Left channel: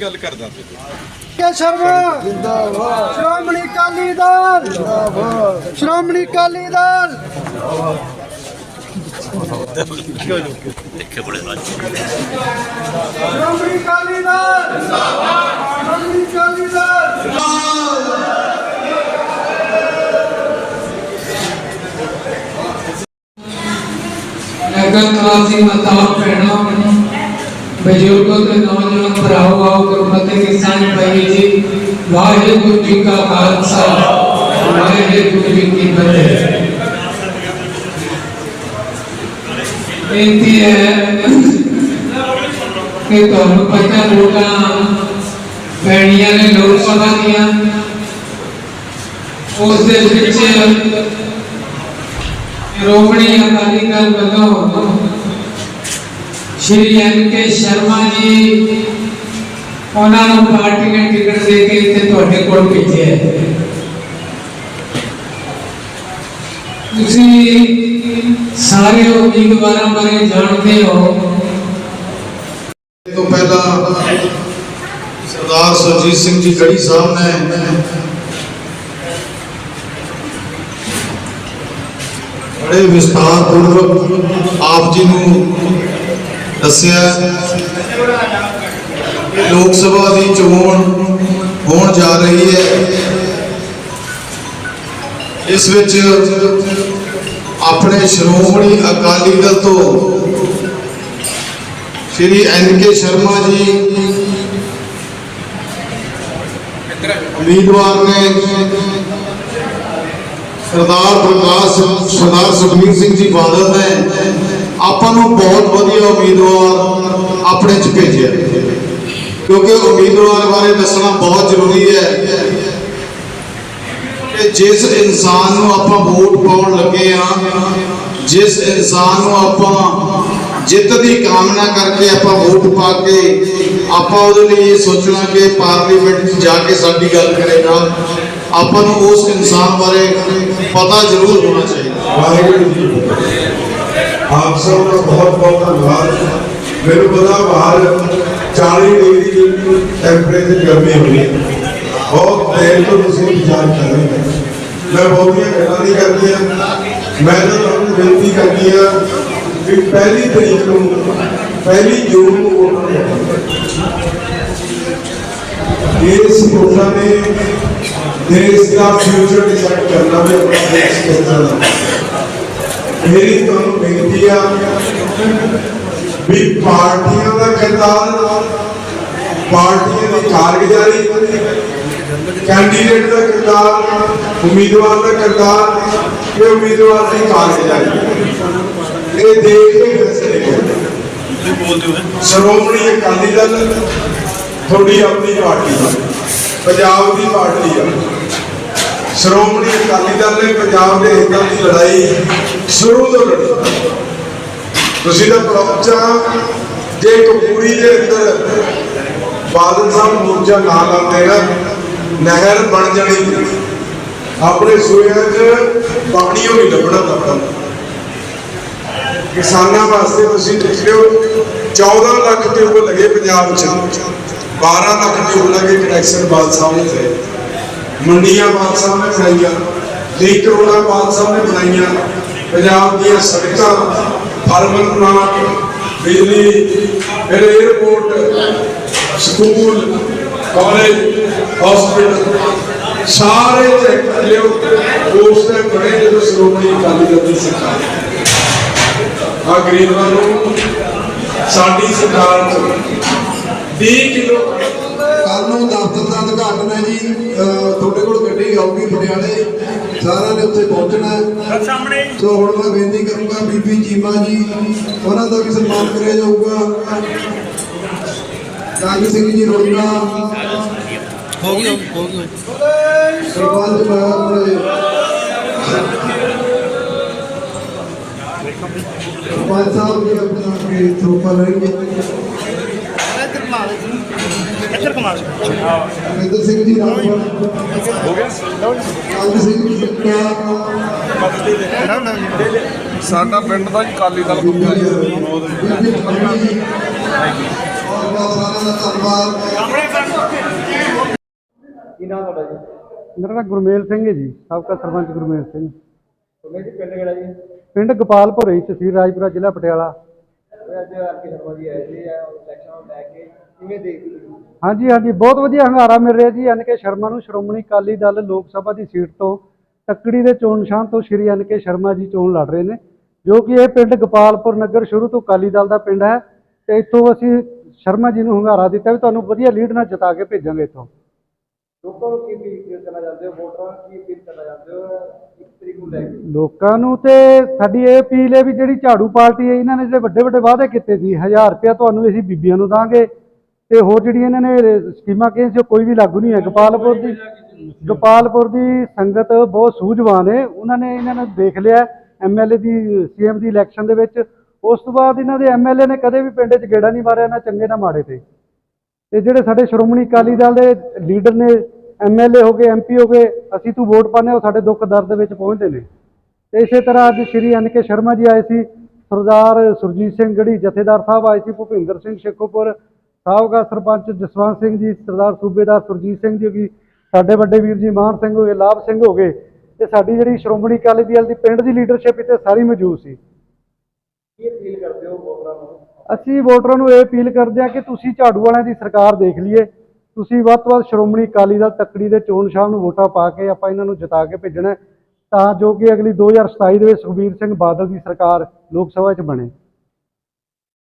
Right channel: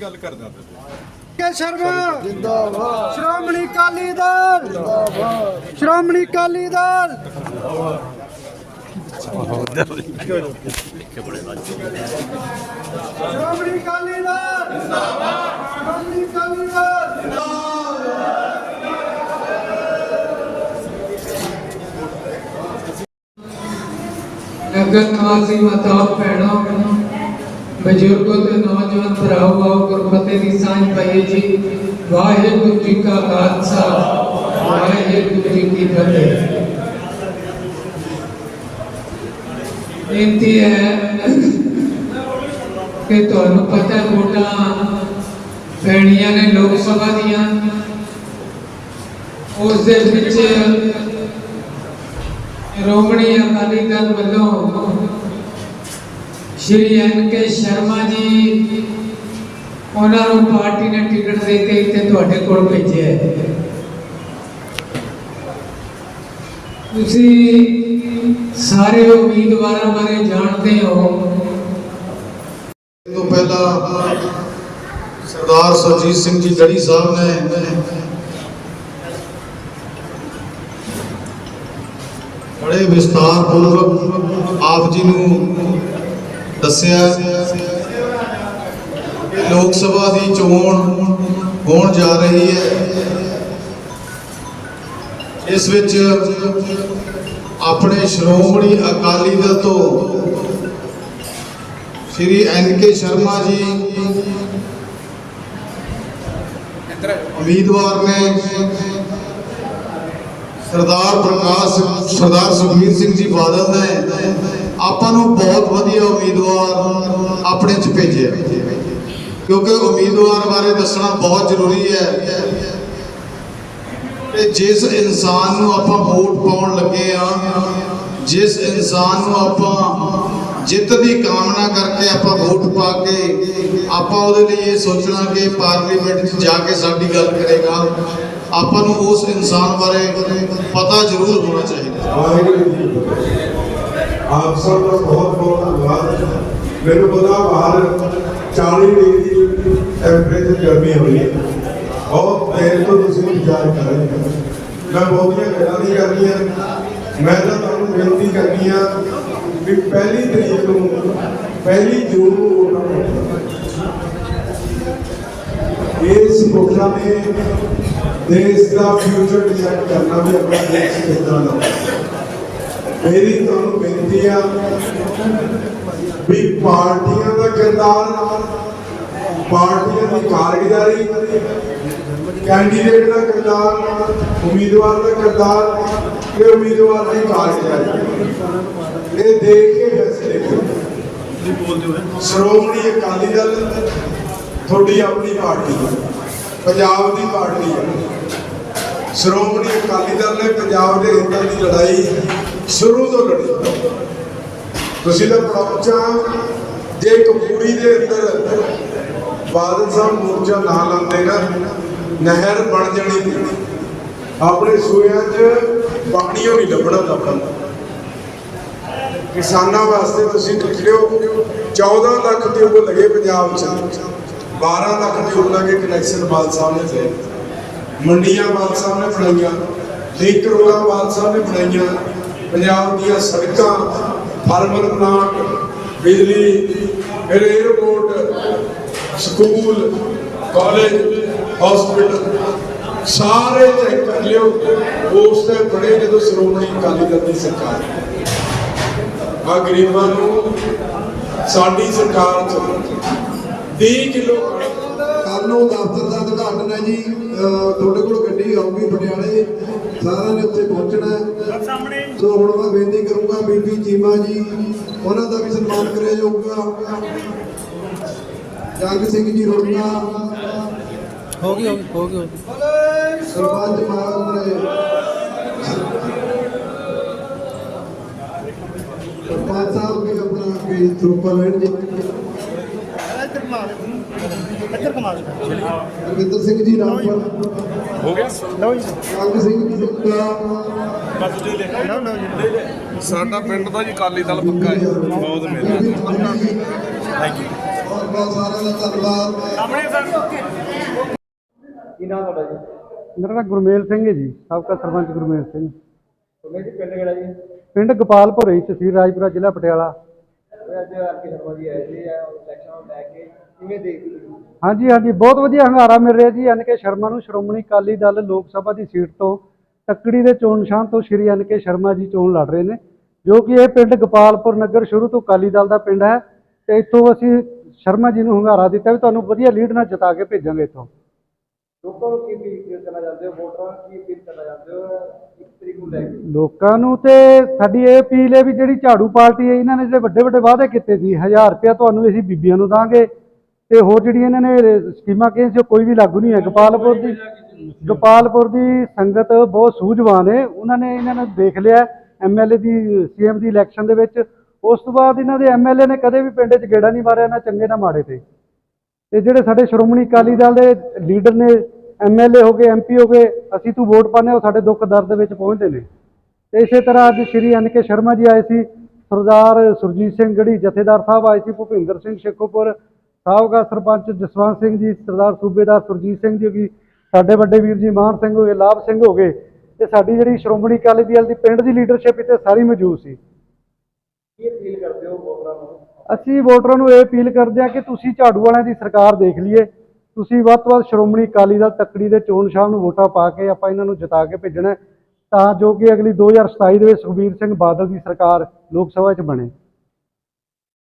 ਗੱਲ ਕਰਦਾ ਕੇ ਸ਼ਰਮਾ ਜਿੰਦਾਬਾਦ ਸ਼੍ਰੋਮਣੀ ਅਕਾਲੀ ਦਲ ਜਿੰਦਾਬਾਦ ਸ਼੍ਰੋਮਣੀ ਅਕਾਲੀ ਦਲ ਸ਼੍ਰੋਮਣੀ ਅਕਾਲੀ ਦਲ ਜਿੰਦਾਬਾਦ ਸ਼੍ਰੋਮਣੀ ਅਕਾਲੀ ਦਲ ਅਗਲ ਨਿਵਾਸੀ ਮਾਤਾਵਾਂ ਭੈਣਾਂ ਬਜ਼ੁਰਗੋ ਤੇ ਨੌਜਵਾਨ ਭਰਾਵੋ ਆਓ ਗੁਰਮਤਿ ਦੀ ਸਾਂਝ ਪਾਈਏ ਜੀ ਵਾਹਿਗੁਰੂ ਜੀ ਕਾ ਖਾਲਸਾ ਵਾਹਿਗੁਰੂ ਜੀ ਕੀ ਫਤਿਹ ਬੇਨਤੀ ਹੈ ਕਿ ਤੁਹਾਨੂੰ ਪਤਾ ਵੋਟਾਂ ਪੈਣੀਆਂ ਨੇ ਲੋਕ ਸਭਾ ਦੀਆਂ ਉਸ ਦੇ ਵਿੱਚ ਸ਼੍ਰੋਮਣੀ ਅਕਾਲੀ ਦਲ ਵੱਲੋਂ ਸ਼੍ਰੀ ਐਨ ਕੇ ਸ਼ਰਮਾ ਜੀ ਉਹਨਾਂ ਨੂੰ ਪਾਰਟੀ ਨੇ ਟਿਕਟ ਦੇ ਕੇ ਇੱਥੇ ਤੁਹਾਡੇ ਕੋਲ ਭੇਜਿਆ ਹੈ। ਤੁਸੀਂ ਸਾਰੇ ਉਮੀਦਵਾਰਾਂ ਬਾਰੇ ਜਾਣਦੇ ਹੋ। ਤੋਂ ਪਹਿਲਾਂ ਸਰਦਾਰ ਸਰਜੀਤ ਸਿੰਘ ਜੀ ਗੜੀ ਸਾਹਿਬ ਨੇ ਬੜੇ ਵਿਸਤਾਰ ਆਪ ਜੀ ਨੂੰ ਦੱਸਿਆ ਲੋਕ ਸਭਾ ਦੀ ਚੋਣ ਹੋਣ ਜਾ ਰਹੀ ਹੈ। ਇਸ ਵਿੱਚ ਆਪਣੇ ਸ਼੍ਰੋਮਣੀ ਅਕਾਲੀ ਦਲ ਤੋਂ ਸ਼੍ਰੀ ਐਨ ਕੇ ਸ਼ਰਮਾ ਜੀ ਉਮੀਦਵਾਰ ਨੇ ਸਰਦਾਰ ਪ੍ਰਕਾਸ਼ ਸਰਦਾਰ ਸੁਖਬੀਰ ਸਿੰਘ ਜੀ ਬਾਦਲ ਨੇ ਆਪਾਂ ਨੂੰ ਬਹੁਤ ਵਧੀਆ ਉਮੀਦਵਾਰ ਆਪਣੇ ਚ ਭੇਜਿਆ। ਕਿਉਂਕਿ ਉਮੀਦਵਾਰ ਬਾਰੇ ਦੱਸਣਾ ਬਹੁਤ ਜ਼ਰੂਰੀ ਹੈ ਕਿ ਜਿਸ ਇਨਸਾਨ ਨੂੰ ਆਪਾਂ ਵੋਟ ਪਾਉਣ ਲੱਗੇ ਆ ਜਿਸ ਇਨਸਾਨ ਨੂੰ ਆਪਾਂ ਜਿੱਤ ਦੀ ਕਾਮਨਾ ਕਰਕੇ ਆਪਾਂ ਵੋਟ ਪਾ ਕੇ ਆਪਾਂ ਉਹਦੇ ਲਈ ਇਹ ਸੋਚਣਾ ਕਿ ਪਾਰਲੀਮੈਂਟ 'ਚ ਜਾ ਕੇ ਸਾਡੀ ਗੱਲ ਕਰੇਗਾ ਆਪਾਂ ਨੂੰ ਉਸ ਇਨਸਾਨ ਬਾਰੇ ਪਤਾ ਜ਼ਰੂਰ ਹੋਣਾ ਚਾਹੀਦਾ। ਵਾਹਿਗੁਰੂ ਜੀ ਆਪ ਸਭ ਦਾ ਬਹੁਤ ਬਹੁਤ ਧੰਨਵਾਦ। ਮੈਨੂੰ ਪਤਾ ਬਾਹਰ 40 ਡਿਗਰੀ ਟੈਂਪਰੇਚਰ ਗਰਮੀ ਹੋ ਬਹੁਤ ਦੇਰ ਤੋਂ ਤੁਸੀਂ ਇੰਤਜ਼ਾਰ ਕਰ ਰਹੇ ਹੋ। ਮੈਂ ਬਹੁਤੀਆਂ ਗੱਲਾਂ ਨਹੀਂ ਕਰਨੀਆਂ। ਮੈਂ ਤਾਂ ਤੁਹਾਨੂੰ ਬੇਨਤੀ ਕਰਦੀ ਆ ਕਿ ਪਹਿਲੀ ਤਰੀਕ ਨੂੰ, ਪਹਿਲੀ ਜੂਨ ਨੂੰ ਵੋਟਾਂ ਪਾਓ। ਇਸ ਵੋਟਾਂ ਨੇ ਦੇਸ਼ ਦਾ ਫਿਊਚਰ ਡਿਸਾਈਡ ਕਰਨਾ ਹੈ ਆਪਣਾ ਦੇਸ਼ ਕਿੱਦਾਂ ਦਾ ਮੇਰੀ ਤੁਹਾਨੂੰ ਬੇਨਤੀ ਆ ਵੀ ਪਾਰਟੀਆਂ ਦਾ ਕਿਰਦਾਰ ਪਾਰਟੀਆਂ ਦੀ ਕਾਰਗੁਜ਼ਾਰੀ ਕੈਂਡੀਡੇਟ ਦਾ ਕਿਰਦਾਰ ਉਮੀਦਵਾਰ ਦਾ ਕਿਰਦਾਰ ਤੇ ਉਮੀਦਵਾਰ ਦੀ ਕਾਰਗੁਜ਼ਾਰੀ ਇਹ ਦੇਖ ਕੇ ਫੈਸਲੇ ਹੋਣਗੇ ਸ਼੍ਰੋਮਣੀ ਅਕਾਲੀ ਦਲ ਤੁਹਾਡੀ ਆਪਣੀ ਪਾਰਟੀ ਪੰਜਾਬ ਦੀ ਪਾਰਟੀ ਹੈ ਸ਼੍ਰੋਮਣੀ ਅਕਾਲੀ ਦਲ ਨੇ ਪੰਜਾਬ ਦੇ ਹਿੱਤਾਂ ਦੀ ਲੜਾਈ ਸ਼ੁਰੂ ਤੋਂ ਲੜੀ। ਤੁਸੀਂ ਤਾਂ ਪਰੌਚਾ ਜੇ ਇੱਕ ਦੇ ਅੰਦਰ ਬਾਦਲ ਸਾਹਿਬ ਮੋਰਚਾ ਨਾ ਲਾਉਂਦੇ ਨਾ ਨਹਿਰ ਬਣ ਜਾਣੀ ਆਪਣੇ ਸੂਰਿਆਂ 'ਚ ਪਾਣੀਓ ਨਹੀਂ ਲੱਭਣਾ ਲੱਭਣਾ ਕਿਸਾਨਾਂ ਵਾਸਤੇ ਤੁਸੀਂ ਦੇਖਿਓ ਰਹੇ 14 ਲੱਖ ਟਿਊਬ ਲੱਗੇ ਪੰਜਾਬ 'ਚ। 12 ਲੱਖ ਦੇ ਲੱਗੇ ਕਨੈਕਸ਼ਨ ਬਾਦ ਸਾਹਿਬ ਨੇ ਤੇ ਮੰਡੀਆਂ ਬਾਦ ਸਾਹਿਬ ਨੇ ਬਣਾਈਆਂ 20 ਕਰੋੜਾਂ ਬਾਦ ਸਾਹਿਬ ਨੇ ਬਣਾਈਆਂ। ਪੰਜਾਬ ਦੀਆਂ ਸੜਕਾਂ ਫਾਰਮਲ ਪਲਾਂਟ, ਬਿਜਲੀ, ਫਿਰ 에어ਪੋਰਟ ਸਕੂਲ ਕਾਲਜ ਹਸਪੀਟਲ ਸਾਰੇ ਚੈੱਕ ਲਿਓ। ਉਸ ਤੇ ਬੜੇ ਜਦੋਂ ਸ਼੍ਰੋਮਣੀ ਅਕਾਲੀ ਦਲ ਦੀ ਸਰਕਾਰ ਆ ਗਰੀਬਾਂ ਨੂੰ ਸਾਡੀ ਸਰਕਾਰ 20 ਕਿਲੋ। ਕੱਲ ਨੂੰ ਦਫ਼ਤਰ ਦਾ ਉਦਘਾਟਨ ਹੈ ਜੀ ਤੁਹਾਡੇ ਕੋਲ ਗੱਡੀ ਆਊਗੀ ਪਟਿਆਲੇ। ਸਾਰਿਆਂ ਨੇ ਉੱਥੇ ਪਹੁੰਚਣਾ ਹੈ। ਸਾਹਮਣੇ। ਸੋ ਹੁਣ ਮੈਂ ਬੇਨਤੀ ਕਰੂੰਗਾ ਬੀਬੀ ਚੀਮਾ ਜੀ ਉਹਨਾਂ ਦਾ ਵੀ ਸਨਮਾਨ ਕਰਿਆ ਜਾਊਗਾ। ਜੰਗ ਸਿੰਘ ਜੀ ਰੋੜਾ ਹੋ ਗਿਆ ਹੋ ਗਿਆ ਸਰਪੰਚ ਮਾਰੇ ਸਰਪੰਚ ਸਾਹਿਬ ਵੀ ਆਪਣਾ ਵੀ ਥਰੂਪਰ ਰਹਿਣਗੇ ਅਮਿੰਦਰ ਸਿੰਘ ਜੀ ਨਾਲ। ਜੰਗ ਸਿੰਘ ਜੀ ਸਾਡਾ ਪਿੰਡ ਦਾ ਜੀ ਕਾਲੀ ਦਲ ਪੱਕਾ ਜੀ ਬਹੁਤ ਜੀ ਸਾਰਿਆਂ ਦਾ ਧੰਨਵਾਦ। ਮੇਰਾ ਨਾਮ ਗੁਰਮੇਲ ਸਿੰਘ ਹੈ ਜੀ ਸਾਬਕਾ ਸਰਪੰਚ ਗੁਰਮੇਲ ਸਿੰਘ। ਤੁਮੇ ਜੀ ਪਿੰਡ ਕਿਹੜਾ ਜੀ? ਪਿੰਡ ਗੋਪਾਲਪੁਰ ਹੈ ਤਹਿਸੀਲ ਰਾਜਪੁਰਾ ਜ਼ਿਲ੍ਹਾ ਪਟਿਆਲਾ। ਹਾਂਜੀ ਹਾਂਜੀ ਬਹੁਤ ਵਧੀਆ ਹੰਗਾਰਾ ਮਿਲ ਰਿਹਾ ਜੀ ਐਨ ਕੇ ਸ਼ਰਮਾ ਨੂੰ ਸ਼੍ਰੋਮਣੀ ਅਕਾਲੀ ਦਲ ਲੋਕ ਸਭਾ ਦੀ ਸੀਟ ਤੋਂ ਤੱਕੜੀ ਦੇ ਚੋਣ ਨਿਸ਼ਾਨ ਤੋਂ ਸ਼੍ਰੀ ਐਨ ਕੇ ਸ਼ਰਮਾ ਜੀ ਚੋਣ ਲੜ ਰਹੇ ਨੇ ਜੋ ਕਿ ਇਹ ਪਿੰਡ ਗੋਪਾਲਪੁਰ ਨਗਰ ਸ਼ੁਰੂ ਤੋਂ ਅਕਾਲੀ ਦਲ ਦਾ ਪਿੰਡ ਹੈ ਤੇ ਇੱਥੋਂ ਅਸੀਂ ਸ਼ਰਮਾ ਜੀ ਨੂੰ ਹੰਗਾਰਾ ਦਿੱਤਾ ਵੀ ਤੁਹਾਨੂੰ ਵਧੀਆ ਲੀਡ ਨਾਲ ਜਿਤਾ ਕੇ ਭੇਜਾਂਗੇ ਇੱਥੋਂ। ਲੋਕਾਂ ਨੂੰ ਲੋਕਾਂ ਨੂੰ ਤੇ ਸਾਡੀ ਇਹ ਅਪੀਲ ਹੈ ਵੀ ਜਿਹੜੀ ਝਾੜੂ ਪਾਰਟੀ ਹੈ, ਇਹਨਾਂ ਨੇ ਜਿਹੜੇ ਵੱਡੇ ਵੱਡੇ ਵਾਅਦੇ ਕੀਤੇ ਸੀ 1000 ਰੁਪਇਆ ਤੁਹਾਨੂੰ ਅਸੀਂ ਬੀਬੀਆਂ ਨੂੰ ਦਾਂਗੇ ਤੇ ਹੋਰ ਜਿਹੜੀਆਂ ਇਹਨਾਂ ਨੇ ਸਕੀਮਾਂ ਕਹੀਆਂ ਸੀ, ਉਹ ਕੋਈ ਵੀ ਲਾਗੂ ਨਹੀਂ ਹੈ। ਗੋਪਾਲਪੁਰ ਦੀ ਗੋਪਾਲਪੁਰ ਦੀ ਸੰਗਤ ਬਹੁਤ ਸੂਝਵਾਨ ਹੈ। ਉਹਨਾਂ ਨੇ ਇਹਨਾਂ ਨੂੰ ਦੇਖ ਲਿਆ ਐਮਐਲਏ ਦੀ ਸੀਐਮ ਦੀ ਇਲੈਕਸ਼ਨ ਦੇ ਵਿੱਚ। ਉਸ ਤੋਂ ਬਾਅਦ ਇਹਨਾਂ ਦੇ ਐਮਐਲਏ ਨੇ ਕਦੇ ਵੀ ਪਿੰਡ 'ਚ ਗੇੜਾ ਨਹੀਂ ਮਾਰਿਆ, ਨਾ ਚੰਗੇ ਨਾ ਮਾੜੇ ਤੇ। ਤੇ ਜਿਹੜੇ ਸਾਡੇ ਸ਼੍ਰੋਮਣੀ ਅਕਾਲੀ ਦਲ ਦੇ ਲੀਡਰ ਨੇ ਐਮਐਲਏ ਹੋ ਗਏ ਐਮਪੀ ਹੋ ਗਏ ਅਸੀਂ ਤੂੰ ਵੋਟ ਹਾਂ, ਉਹ ਸਾਡੇ ਦੁੱਖ ਦਰਦ ਵਿੱਚ ਪਹੁੰਚਦੇ ਨੇ। ਤੇ ਇਸੇ ਤਰ੍ਹਾਂ ਅੱਜ ਸ਼੍ਰੀ ਐਨ ਕੇ ਸ਼ਰਮਾ ਜੀ ਆਏ ਸੀ ਸਰਦਾਰ ਸੁਰਜੀਤ ਸਿੰਘ ਗੜੀ ਜਥੇਦਾਰ ਸਾਹਿਬ ਆਏ ਸੀ ਭੁਪਿੰਦਰ ਸਿੰਘ ਸ਼ੇਖੋਪੁਰ ਸਾਬਕਾ ਸਰਪੰਚ ਜਸਵੰਤ ਸਿੰਘ ਜੀ ਸਰਦਾਰ ਸੂਬੇਦਾਰ ਸੁਰਜੀਤ ਸਿੰਘ ਜੀ ਕੀ ਸਾਡੇ ਵੱਡੇ ਵੀਰ ਜੀ ਮਾਨ ਸਿੰਘ ਹੋ ਗਏ ਲਾਭ ਸਿੰਘ ਹੋ ਗਏ ਤੇ ਸਾਡੀ ਜਿਹੜੀ ਸ਼੍ਰੋਮਣੀ ਅਕਾਲੀ ਦਲ ਦੀ ਪਿੰਡ ਦੀ ਲੀਡਰਸ਼ਿਪ ਇੱਥੇ ਸਾਰੀ ਮੌਜੂਦ ਸੀ। ਅਸੀਂ ਵੋਟਰਾਂ ਨੂੰ ਇਹ ਅਪੀਲ ਕਰਦੇ ਹਾਂ ਕਿ ਤੁਸੀਂ ਝਾੜੂ ਵਾਲਿਆਂ ਦੀ ਸਰਕਾਰ ਦੇਖ ਲਈਏ ਤੁਸੀਂ ਵੱਧ ਤੋਂ ਵੱਧ ਸ਼੍ਰੋਮਣੀ ਅਕਾਲੀ ਦਲ ਤੱਕੜੀ ਦੇ ਚੋਣ ਸ਼ਾਮ ਨੂੰ ਵੋਟਾਂ ਪਾ ਕੇ ਆਪਾਂ ਇਹਨਾਂ ਨੂੰ ਜਿਤਾ ਕੇ ਭੇਜਣਾ ਤਾਂ ਜੋ ਕਿ ਅਗਲੀ 2027 ਦੇ ਵਿੱਚ ਸੁਖਬੀਰ ਸਿੰਘ ਬਾਦਲ ਦੀ ਸਰਕਾਰ ਲੋਕ ਸਭਾ 'ਚ ਬਣੇ।